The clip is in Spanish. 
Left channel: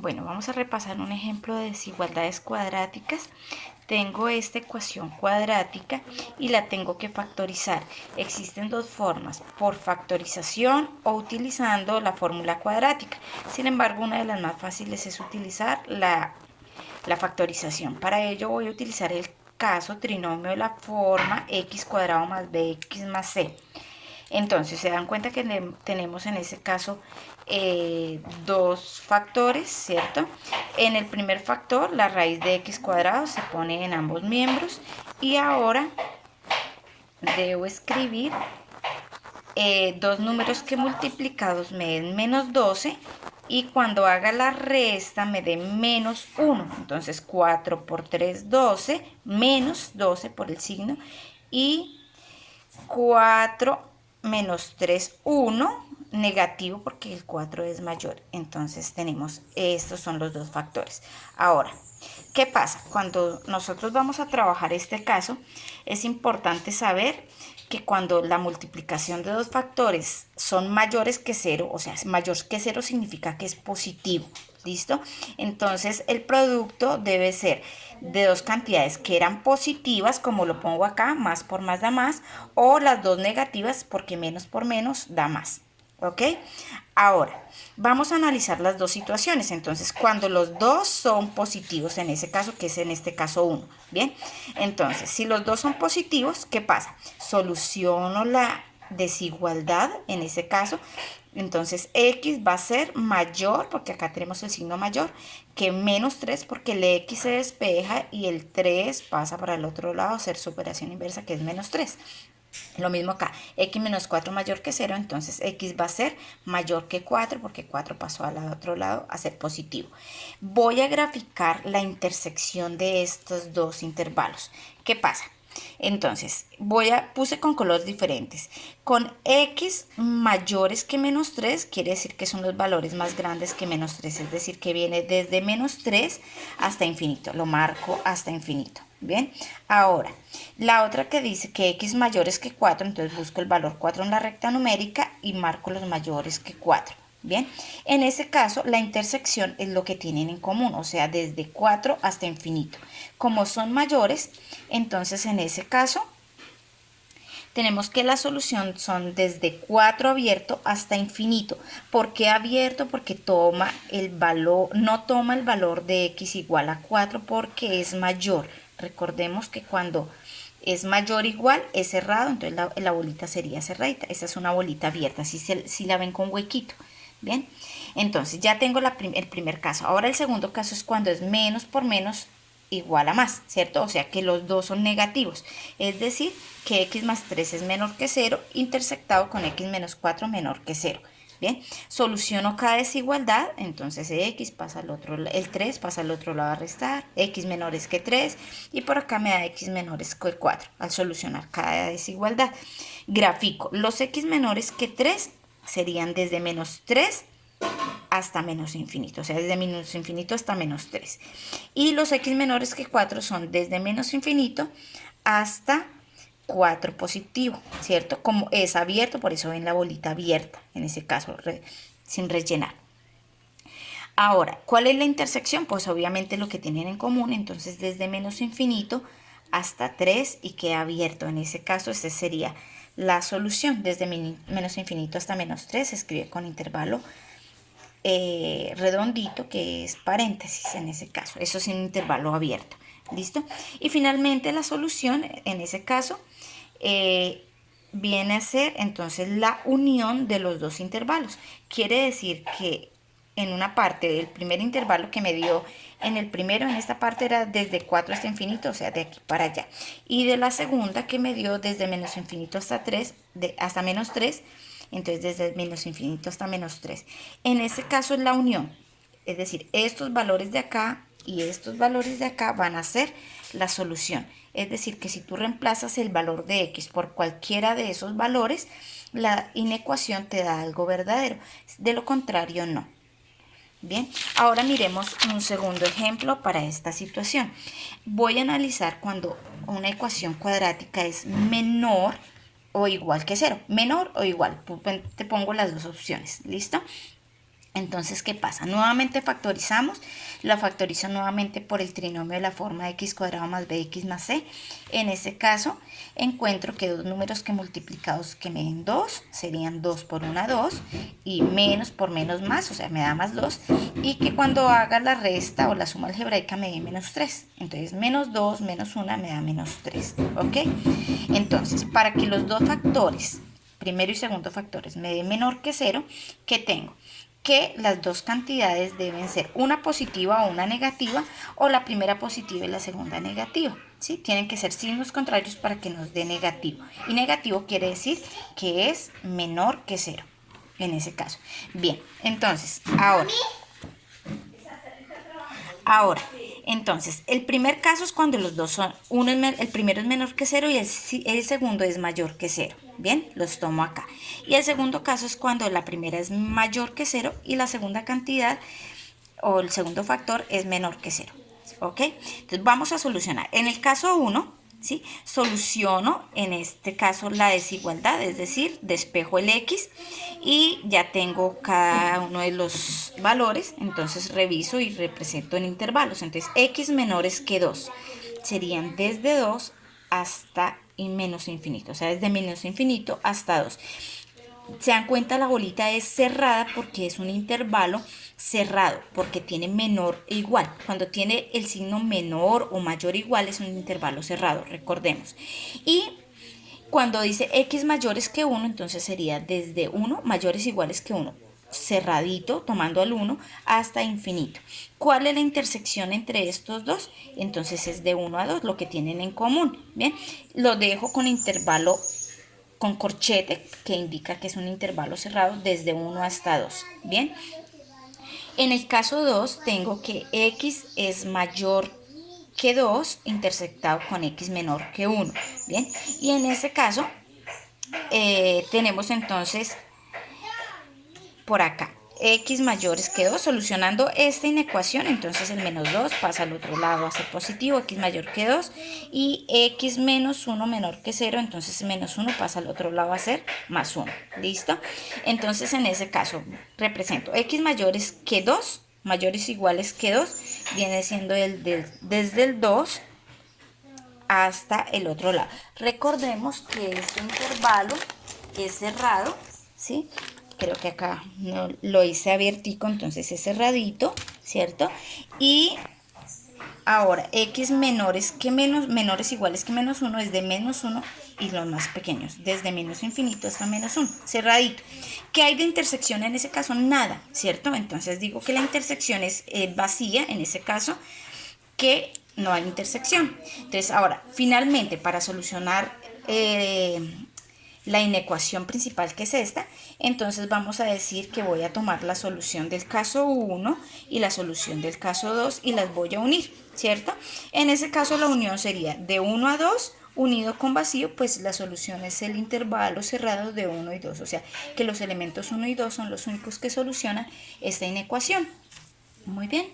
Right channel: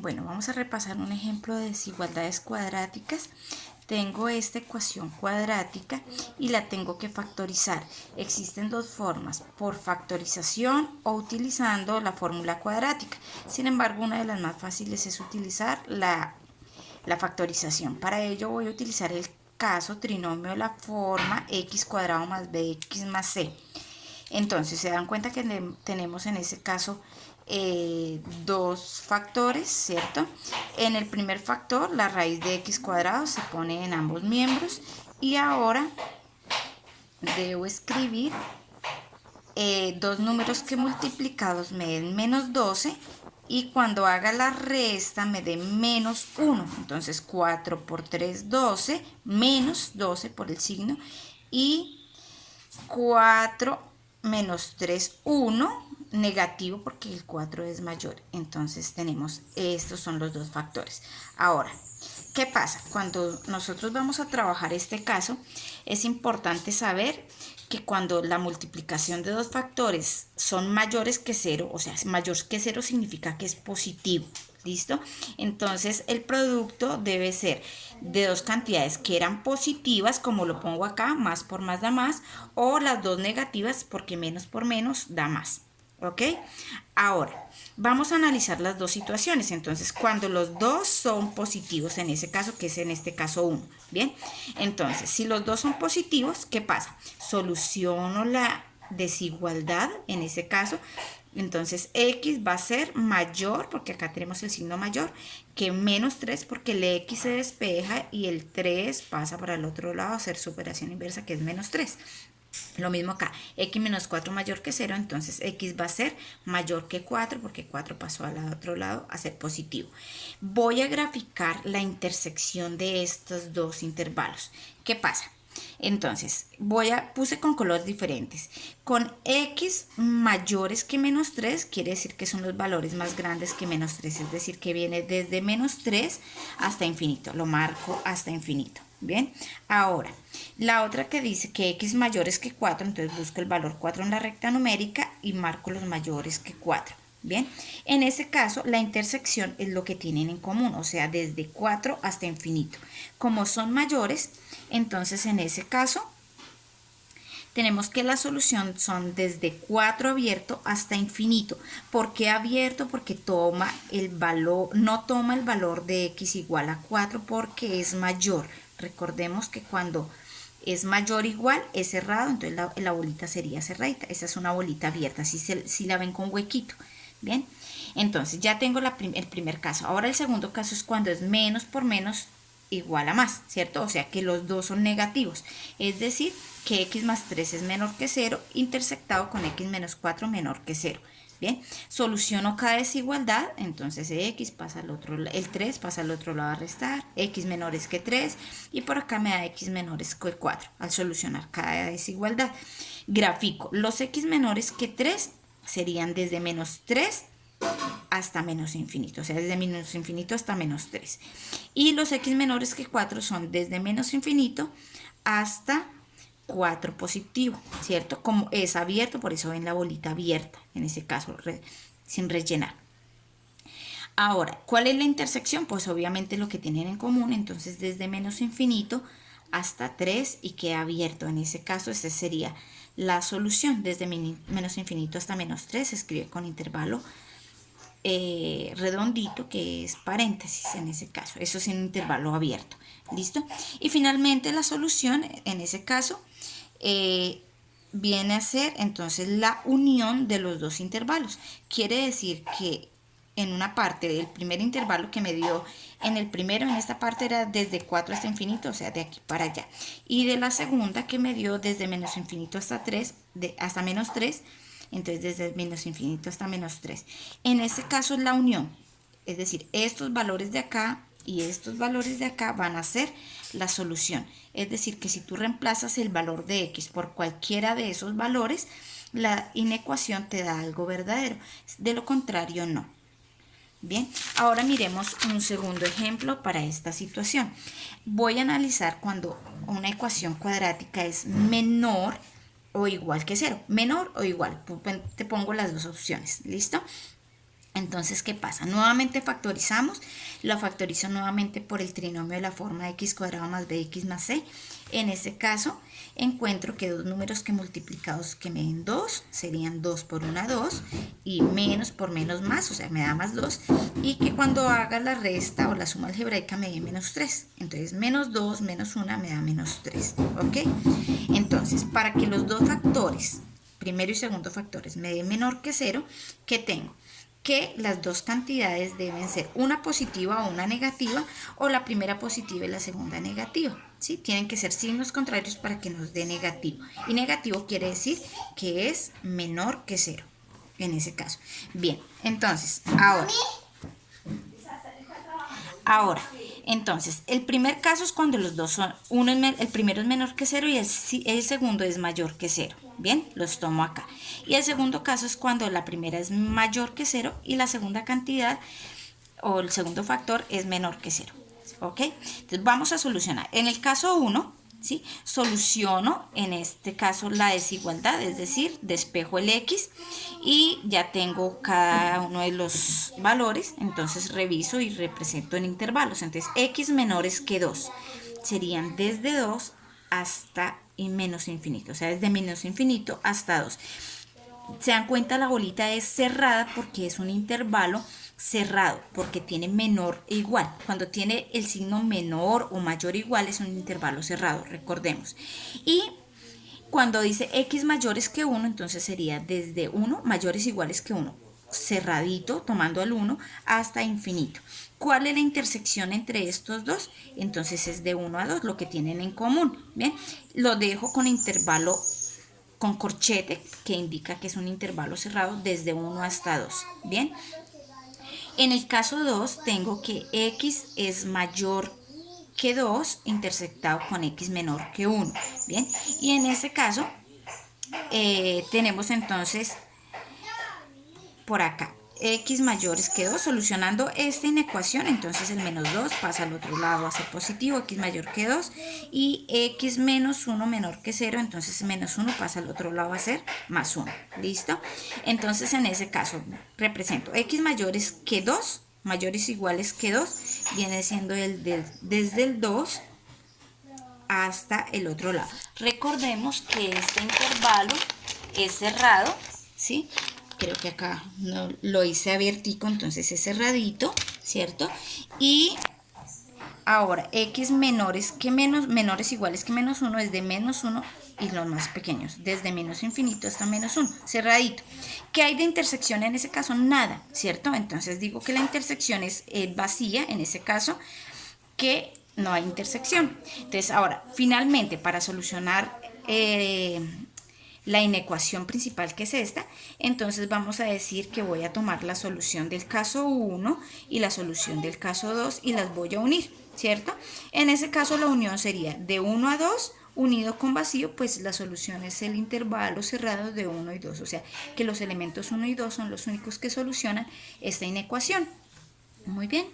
Bueno, vamos a repasar un ejemplo de desigualdades cuadráticas. Tengo esta ecuación cuadrática y la tengo que factorizar. Existen dos formas, por factorización o utilizando la fórmula cuadrática. Sin embargo, una de las más fáciles es utilizar la factorización. Para ello voy a utilizar el caso trinomio de la forma x cuadrado más bx más c. Entonces se dan cuenta que tenemos en ese caso dos factores, ¿cierto? En el primer factor la raíz de x cuadrado se pone en ambos miembros y ahora debo escribir dos números que multiplicados me den menos 12 y cuando haga la resta me dé menos 1. Entonces 4 por 3, 12, menos 12 por el signo y 4 menos 3, 1, negativo porque el 4 es mayor. Entonces tenemos, estos son los dos factores. Ahora, ¿qué pasa? Cuando nosotros vamos a trabajar este caso, es importante saber que cuando la multiplicación de dos factores son mayores que 0, o sea, mayor que 0 significa que es positivo. ¿Listo? Entonces el producto debe ser de dos cantidades que eran positivas, como lo pongo acá, más por más da más, o las dos negativas porque menos por menos da más. ¿Ok? Ahora, vamos a analizar las dos situaciones. Entonces, cuando los dos son positivos, en ese caso, que es en este caso 1. Bien, entonces, si los dos son positivos, ¿qué pasa? Soluciono la desigualdad en ese caso. Entonces x va a ser mayor, porque acá tenemos el signo mayor, que menos 3, porque el x se despeja y el 3 pasa para el otro lado a hacer superación inversa, que es menos 3. Lo mismo acá, x menos 4 mayor que 0, entonces x va a ser mayor que 4, porque 4 pasó al otro lado a ser positivo. Voy a graficar la intersección de estos dos intervalos. ¿Qué pasa? Entonces, puse con colores diferentes. Con x mayores que menos 3, quiere decir que son los valores más grandes que menos 3, es decir, que viene desde menos 3 hasta infinito. Lo marco hasta infinito. Bien, ahora, la otra que dice que x mayores que 4, entonces busco el valor 4 en la recta numérica y marco los mayores que 4. Bien, en ese caso la intersección es lo que tienen en común, o sea, desde 4 hasta infinito. Como son mayores, entonces en ese caso tenemos que la solución son desde 4 abierto hasta infinito. ¿Por qué abierto? Porque toma el valor, no toma el valor de x igual a 4 porque es mayor. Recordemos que cuando es mayor o igual es cerrado, entonces la bolita sería cerradita. Esta es una bolita abierta, si la ven con huequito. Bien, entonces ya tengo el primer caso. Ahora el segundo caso es cuando es menos por menos igual a más, ¿cierto? O sea que los dos son negativos. Es decir, que x más 3 es menor que 0, intersectado con x menos 4 menor que 0. Bien, soluciono cada desigualdad, entonces x pasa al otro, el 3 pasa al otro lado a restar, x menores que 3 y por acá me da x menores que 4 al solucionar cada desigualdad. Grafico, los x menores que 3 serían desde menos 3 hasta menos infinito, o sea, desde menos infinito hasta menos 3. Y los x menores que 4 son desde menos infinito hasta 4 positivo, ¿cierto? Como es abierto, por eso ven la bolita abierta, en ese caso sin rellenar. Ahora, ¿cuál es la intersección? Pues obviamente lo que tienen en común, entonces desde menos infinito hasta 3 y queda abierto. En ese caso, esa sería la solución. Desde menos infinito hasta menos 3 se escribe con intervalo redondito, que es paréntesis en ese caso. Eso es un intervalo abierto. ¿Listo? Y finalmente la solución, en ese caso, viene a ser entonces la unión de los dos intervalos. Quiere decir que en una parte del primer intervalo que me dio en el primero, en esta parte era desde 4 hasta infinito, o sea, de aquí para allá. Y de la segunda que me dio desde menos infinito hasta 3, hasta menos 3, entonces desde menos infinito hasta menos 3. En ese caso es la unión, es decir, estos valores de acá y estos valores de acá van a ser la solución. Es decir, que si tú reemplazas el valor de x por cualquiera de esos valores, la inecuación te da algo verdadero. De lo contrario, no. Bien, ahora miremos un segundo ejemplo para esta situación. Voy a analizar cuando una ecuación cuadrática es menor o igual que 0. Menor o igual. Te pongo las dos opciones. ¿Listo? Entonces, ¿qué pasa? Nuevamente factorizamos, lo factorizo nuevamente por el trinomio de la forma x cuadrado más bx más c. En este caso, encuentro que dos números que multiplicados que me den 2 serían 2 por 1, 2, y menos por menos más, o sea, me da más 2, y que cuando haga la resta o la suma algebraica me dé menos 3. Entonces, menos 2 menos 1 me da menos 3, ¿ok? Entonces, para que los dos factores, primero y segundo factores, me den menor que 0, ¿qué tengo? Que las dos cantidades deben ser una positiva o una negativa, o la primera positiva y la segunda negativa, ¿sí? Tienen que ser signos contrarios para que nos dé negativo, y negativo quiere decir que es menor que 0 en ese caso. Bien, entonces ahora, entonces, el primer caso es cuando los dos son, el primero es menor que 0 y el segundo es mayor que 0. Bien, los tomo acá. Y el segundo caso es cuando la primera es mayor que 0 y la segunda cantidad o el segundo factor es menor que 0. ¿Ok? Entonces vamos a solucionar. En el caso 1, ¿sí? Soluciono en este caso la desigualdad, es decir, despejo el x y ya tengo cada uno de los valores, entonces reviso y represento en intervalos. Entonces x menores que 2 serían desde 2 hasta y menos infinito, o sea, desde menos infinito hasta 2. Se dan cuenta, la bolita es cerrada porque es un intervalo cerrado, porque tiene menor e igual. Cuando tiene el signo menor o mayor o igual es un intervalo cerrado, recordemos. Y cuando dice x mayores que 1, entonces sería desde 1 mayores o iguales que 1, cerradito, tomando al 1 hasta infinito. ¿Cuál es la intersección entre estos dos? Entonces es de 1 a 2, lo que tienen en común. Bien, lo dejo con intervalo con corchete, que indica que es un intervalo cerrado desde 1 hasta 2. Bien, en el caso 2 tengo que x es mayor que 2 intersectado con x menor que 1. Bien, y en este caso tenemos entonces por acá x mayores que 2, solucionando esta inecuación, entonces el menos 2 pasa al otro lado a ser positivo, x mayor que 2, y x menos 1 menor que 0, entonces menos 1 pasa al otro lado a ser más 1, ¿listo? Entonces en ese caso represento x mayores que 2, mayores o iguales que 2, viene siendo desde el 2 hasta el otro lado. Recordemos que este intervalo es cerrado, ¿sí? Creo que acá no lo hice abiertico, entonces es cerradito, ¿cierto? Y ahora, x menores que menores iguales que menos 1 es de menos 1 y los más pequeños, desde menos infinito hasta menos 1, cerradito. ¿Qué hay de intersección en ese caso? Nada, ¿cierto? Entonces digo que la intersección es vacía, en ese caso, que no hay intersección. Entonces ahora, finalmente, para solucionar la inecuación principal, que es esta, entonces vamos a decir que voy a tomar la solución del caso 1 y la solución del caso 2 y las voy a unir, ¿cierto? En ese caso la unión sería de 1 a 2 unido con vacío, pues la solución es el intervalo cerrado de 1 y 2, o sea que los elementos 1 y 2 son los únicos que solucionan esta inecuación. Muy bien.